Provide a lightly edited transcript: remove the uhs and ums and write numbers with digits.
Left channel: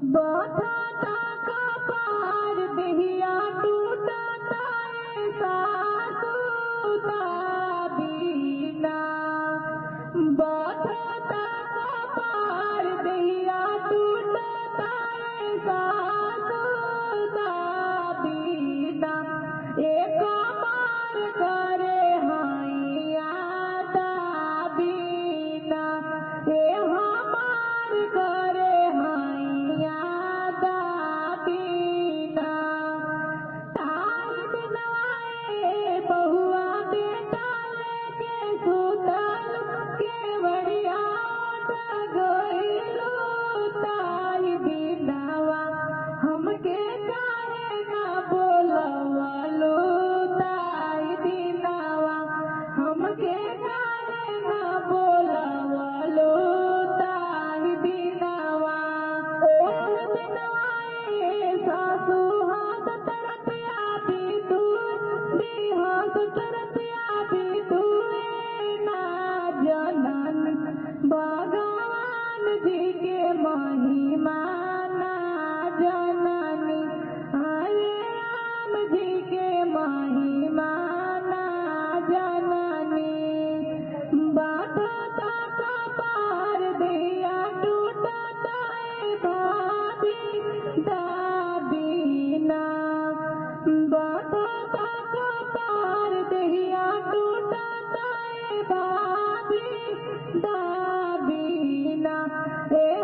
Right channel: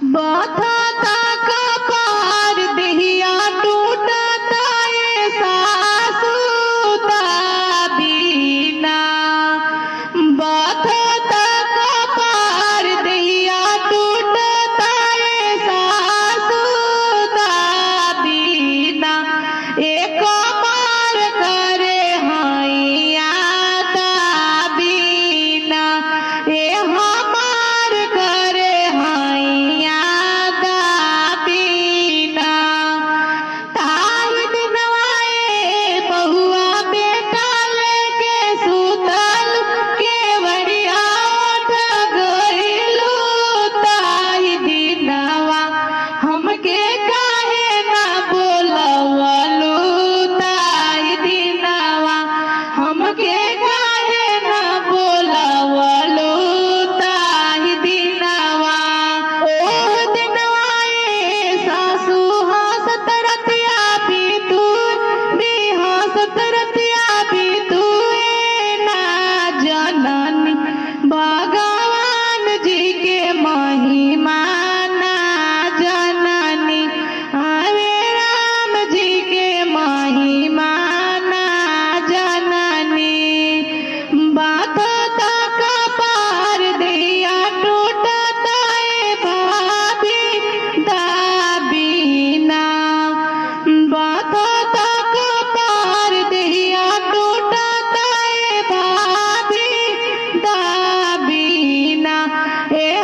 बाथा का पार दिहिया टूटता ये सासू बीना। बाथा का पार दिहिया टूटता ये सासू बीना। एक मार करे हैया बीना। ए हमार करे हैया बीना। ताई दिनवाए बहुआ बेटा लेके सुतल केवड़िया उठ गइलू। ताई दिनवा हमके काहे ना बोलवलू। ताई दिनवा हमके काहे ना बोलवलू। ताई दिनवा ओह दिनवाए सासू हंसत रतिया बीतू दी हंसत रतिया बीतू। ना जननी भगवान जी के महिमा ना जननी। हरे राम जी के महिमा ना जननी। बाथा का पार दिया टूटता ए भाभी बीना। बाथा का पार दिया टूटता ए भाभी बीना। ए